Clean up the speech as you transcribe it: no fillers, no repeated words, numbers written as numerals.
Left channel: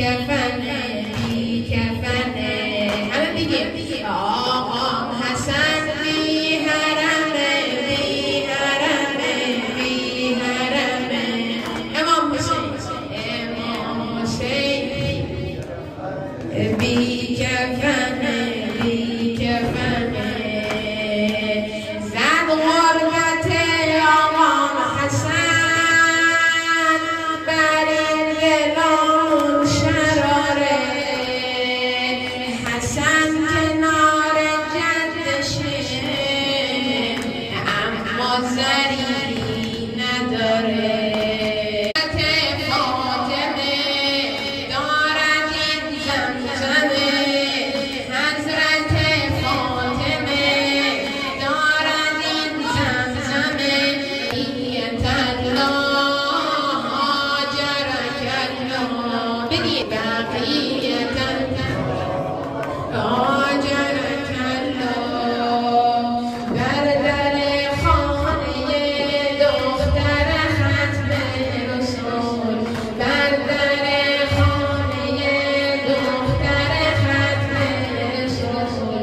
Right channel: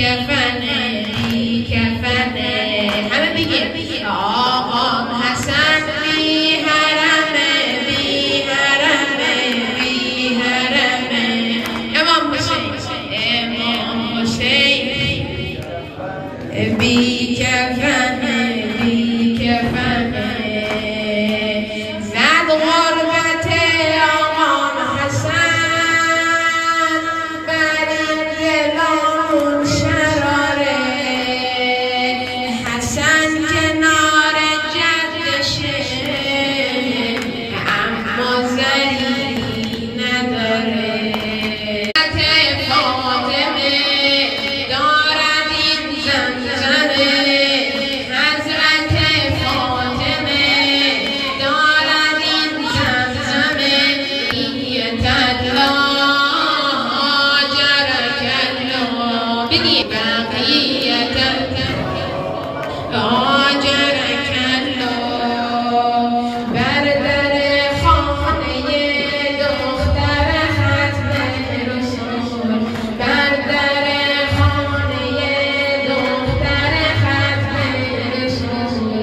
کفنه بی کفنه همه بگیم آقا حسن بی حرمه بی حرمه بی حرمه امام حسین بی کفنه بی کفنه زد غربت آقا حسن بر این دلمون شراره حسن کنار جدشه اما زنی نداره بقي